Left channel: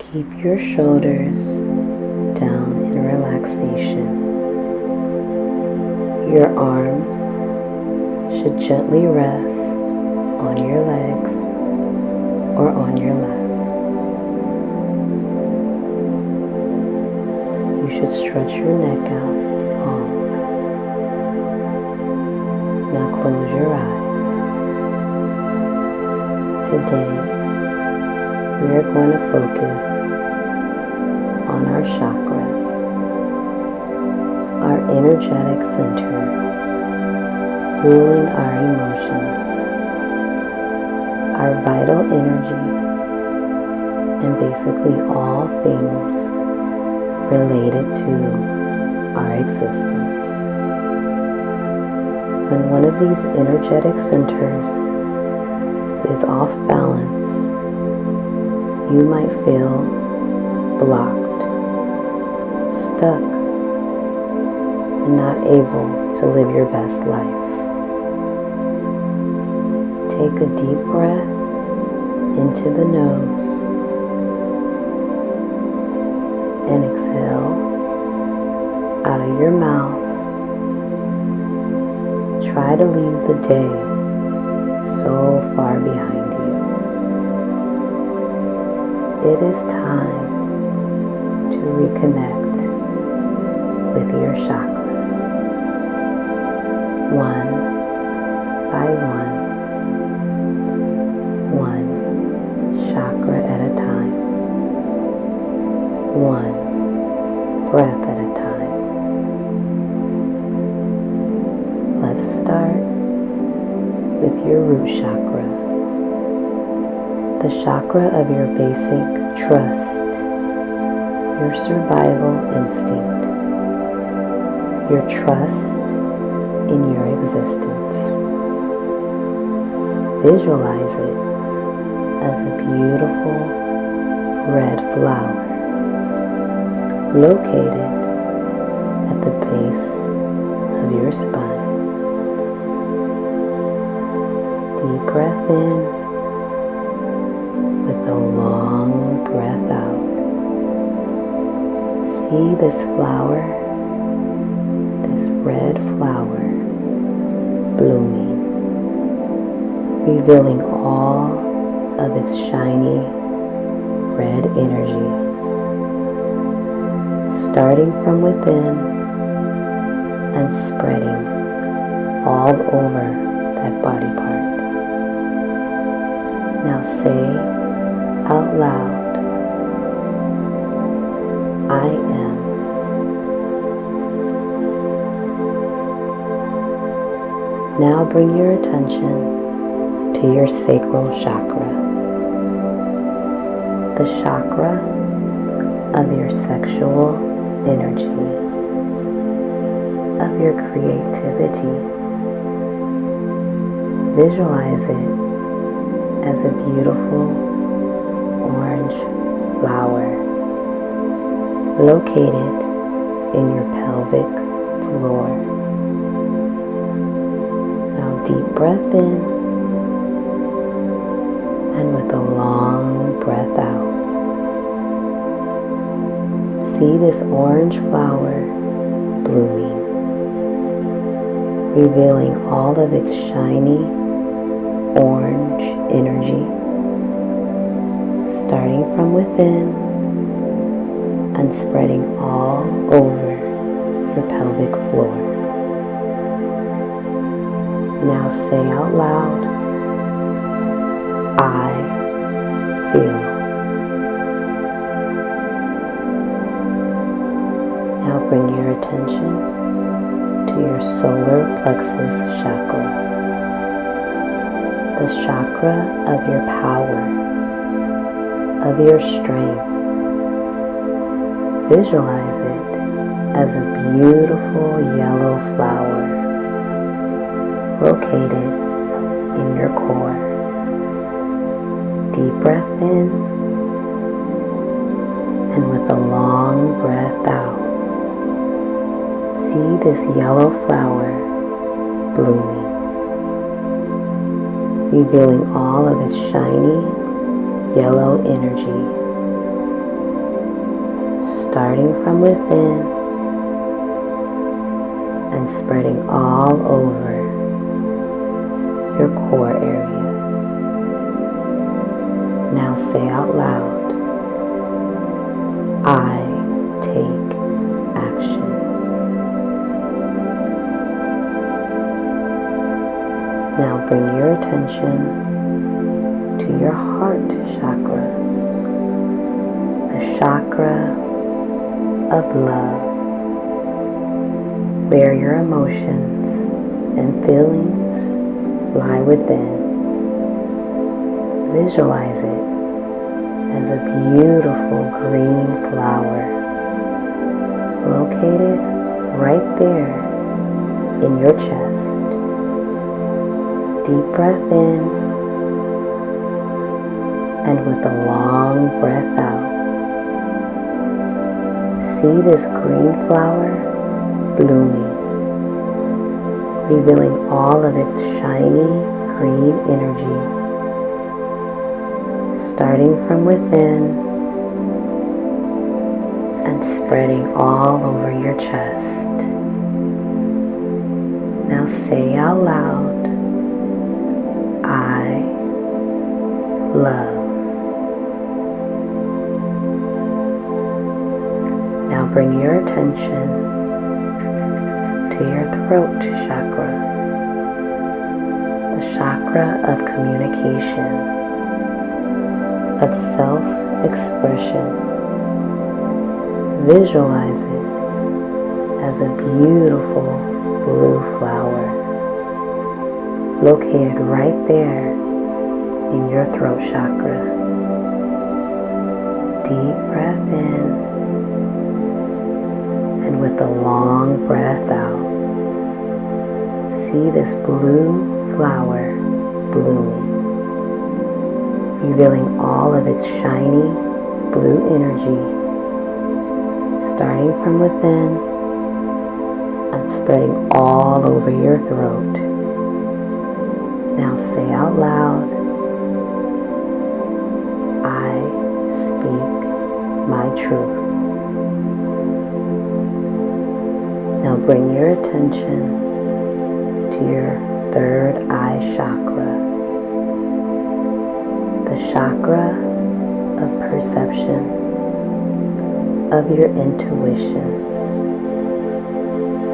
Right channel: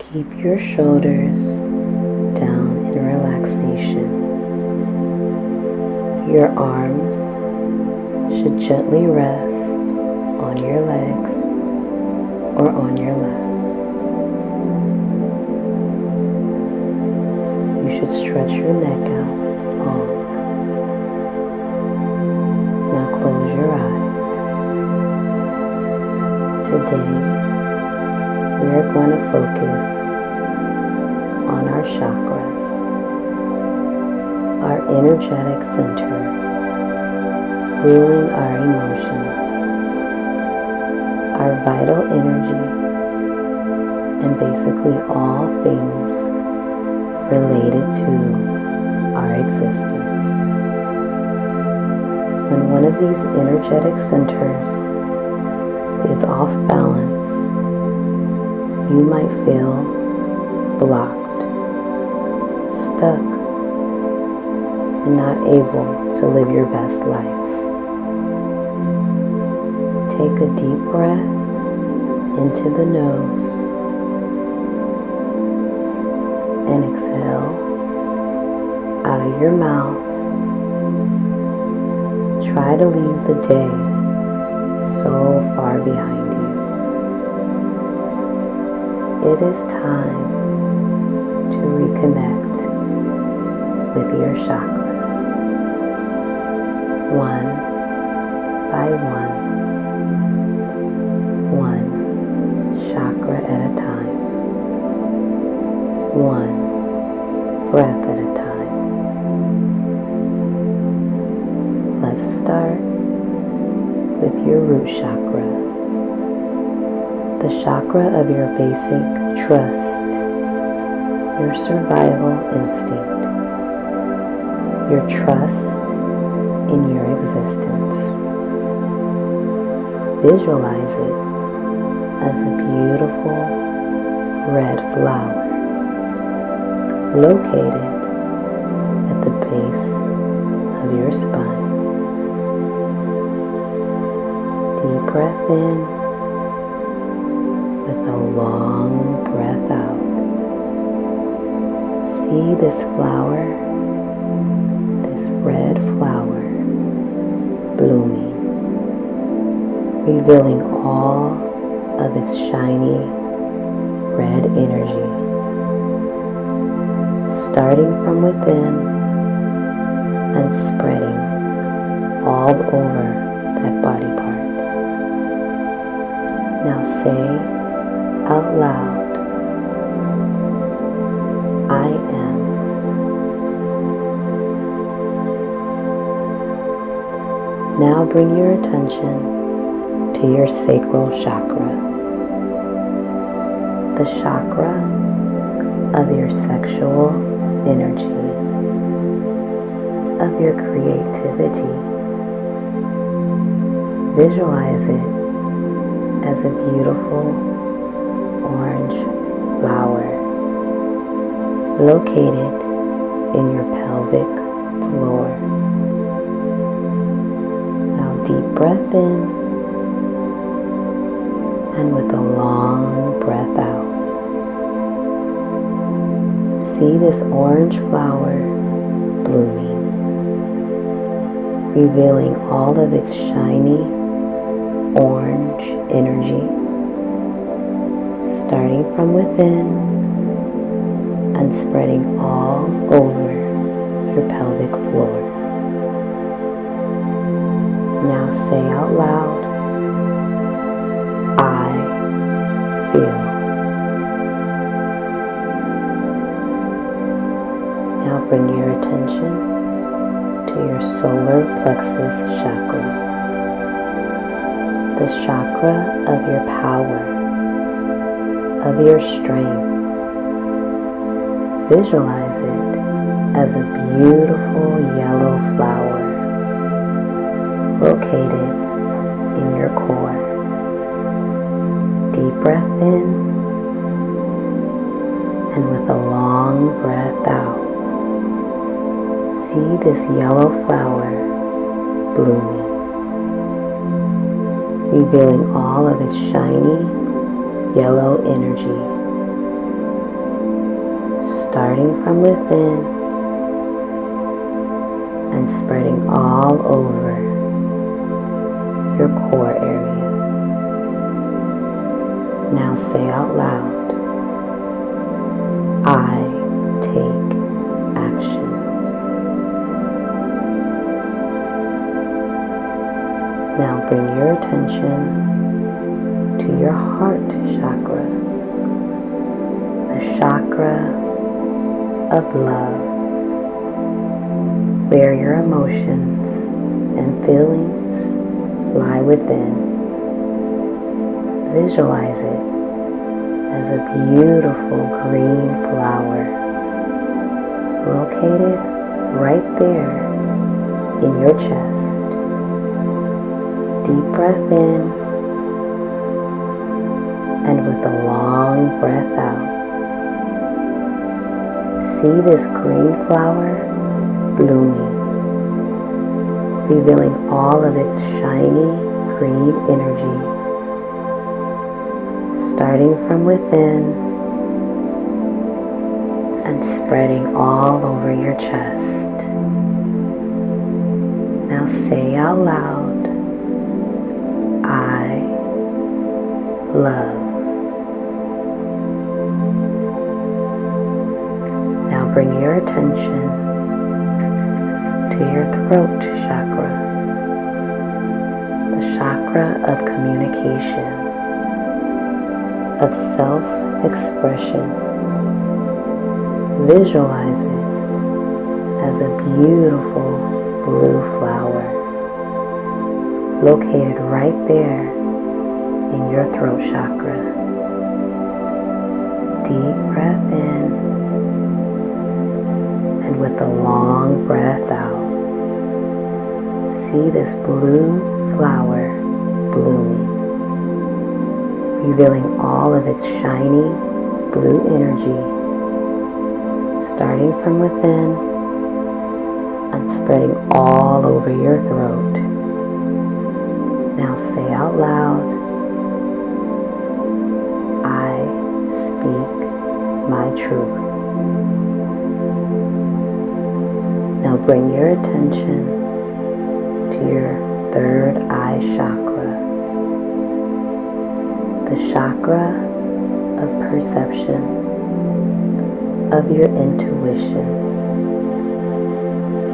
Keep your shoulders down in relaxation. Your arms should gently rest on your legs or on your lap. You should stretch your neck out long. Now close your eyes. Today, we are going to focus on our chakras, our energetic center, ruling our emotions, our vital energy, and basically all things related to our existence. When one of these energetic centers is off balance, you might feel blocked, stuck, and not able to live your best life. Take a deep breath into the nose and exhale out of your mouth. Try to leave the day so far behind you. It is time to reconnect with your chakras, one by one chakra at a time, one breath at a time. Let's start with your root chakra, the chakra of your basic trust, your survival instinct, your trust in your existence. Visualize it as a beautiful red flower located at the base of your spine. Deep breath in with a long breath out. See this flower, this red flower, blooming, revealing all of its shiny red energy, starting from within and spreading all over that body part. Now say out loud, I am. Now bring your attention to your sacral chakra, the chakra of your sexual energy, of your creativity. Visualize it as a beautiful orange flower located in your pelvic floor. Now deep breath in and with a long breath out. See this orange flower blooming, revealing all of its shiny orange energy, starting from within and spreading all over your pelvic floor. Now say out loud, I feel. Now bring your attention to your solar plexus chakra, the chakra of your power, of your strength. Visualize it as a beautiful yellow flower located in your core. Deep breath in and with a long breath out, see this yellow flower blooming, revealing all of its shiny yellow energy, starting from within and spreading all over your core area. Now say out loud, I take action. Now bring your attention to your heart chakra, the chakra of love, where your emotions and feelings lie within. Visualize it as a beautiful green flower located right there in your chest. Deep breath in, and with a long breath out, see this green flower blooming, revealing all of its shiny green energy, starting from within and spreading all over your chest. Now say out loud, I love. Now bring your attention to your throat chakra, the chakra of communication, of self-expression. Visualize it as a beautiful blue flower located right there in your throat chakra. Deep breath in, and with a long breath out, see this blue flower blooming, revealing all of its shiny blue energy, starting from within and spreading all over your throat. Now say out loud, I speak my truth. Now bring your attention to your third eye chakra, the chakra of perception, of your intuition.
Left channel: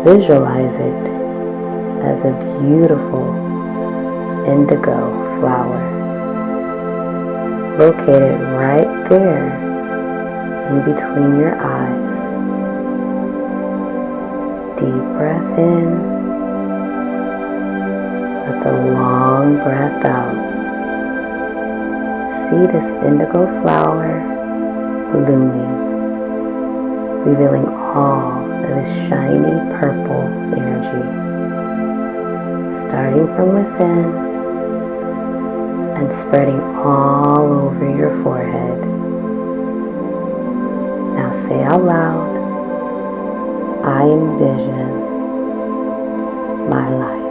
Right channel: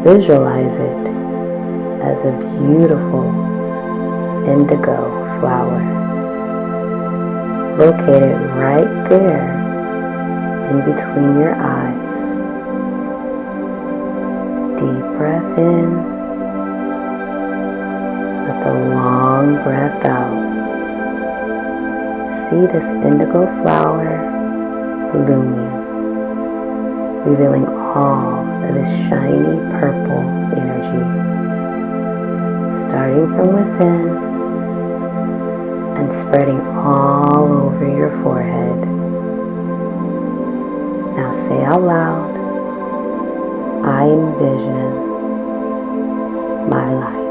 Visualize it as a beautiful indigo flower located right there in between your eyes. Deep breath in with a long breath out. See this indigo flower blooming, revealing all of its shiny purple energy, starting from within and spreading all over your forehead. Now say out loud, I envision my life.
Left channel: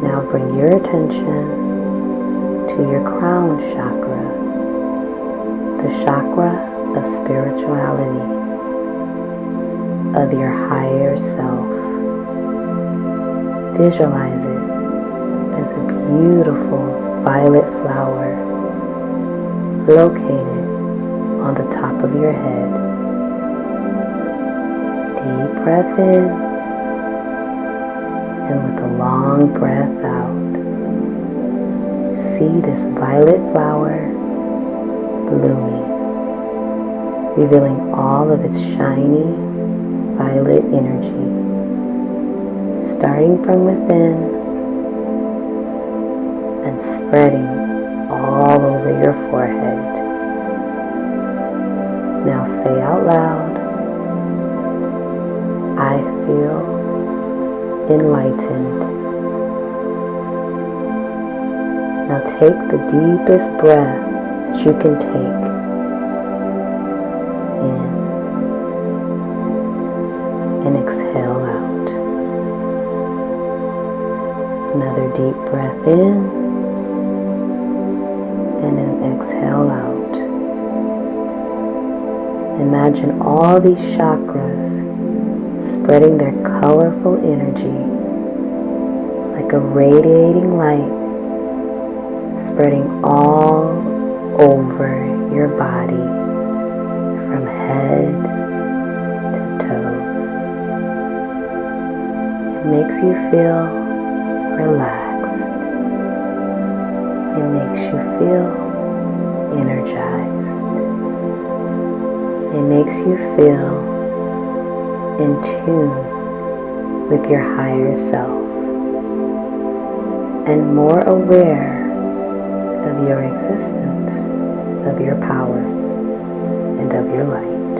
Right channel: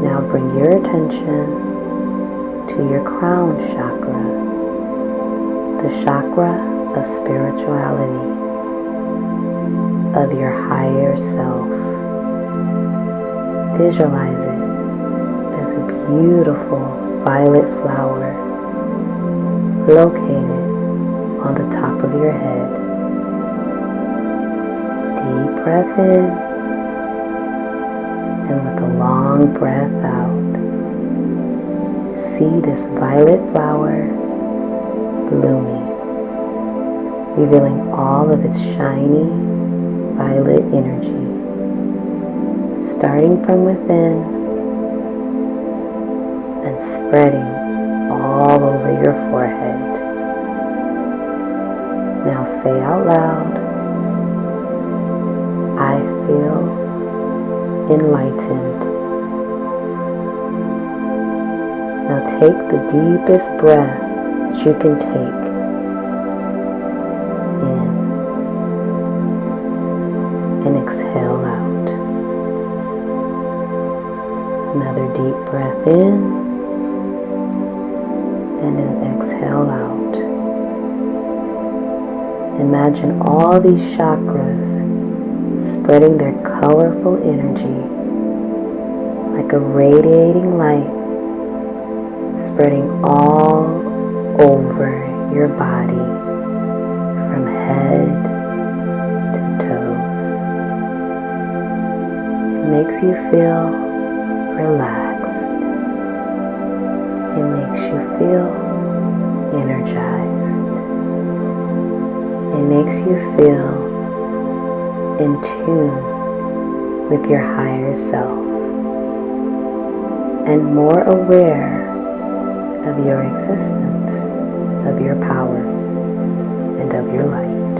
Now bring your attention to your crown chakra, the chakra of spirituality, of your higher self. Visualize it as a beautiful violet flower located on the top of your head. Deep breath in, and with a long breath out, see this violet flower blooming, revealing all of its shiny violet energy, starting from within and spreading all over your forehead. Now say out loud, I feel enlightened. Now take the deepest breath that you can take in and exhale out. Another deep breath in and an exhale out. Imagine all these chakras spreading their colorful energy like a radiating light, spreading all over your body from head to toes. It makes you feel relaxed. It makes you feel energized. It makes you feel in tune with your higher self and more aware of your existence, of your powers, and of your light.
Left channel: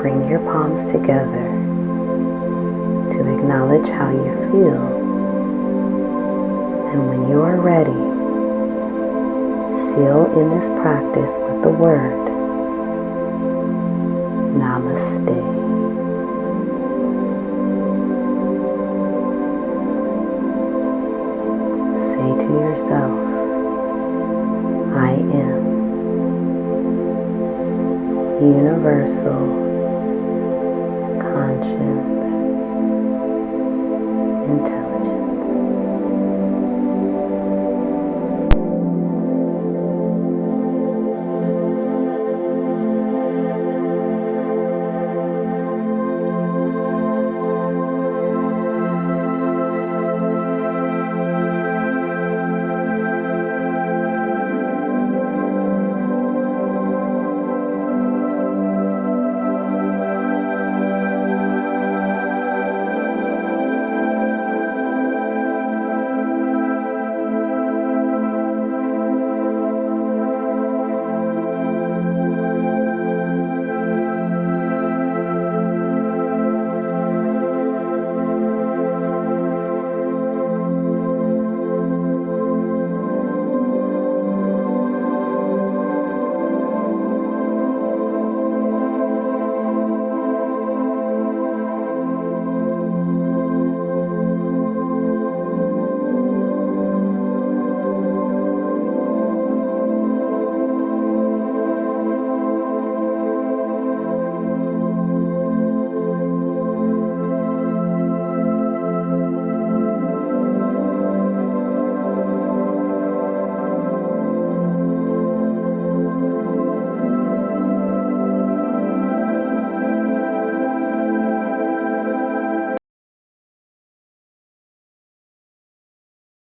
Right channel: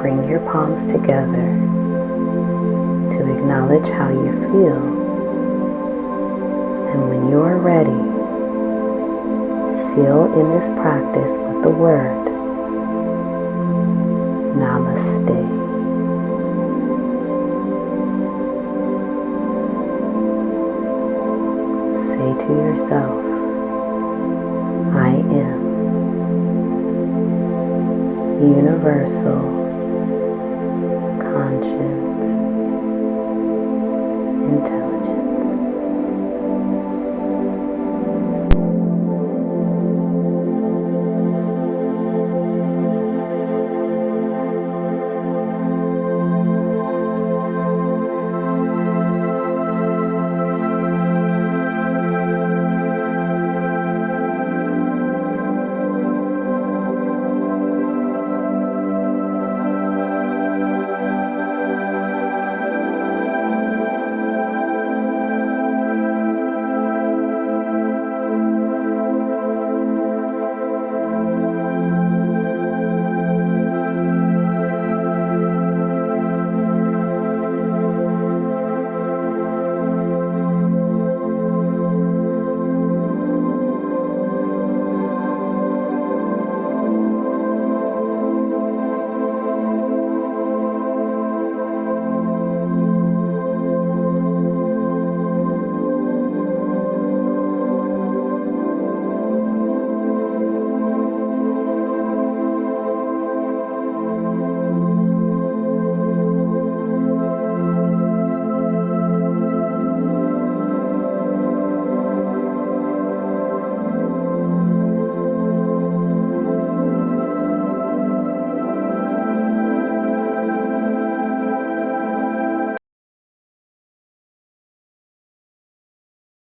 Bring your palms together to acknowledge how you feel, and when you are ready, seal in this practice with the word Namaste. Say to yourself, I am universal conscience intelligence.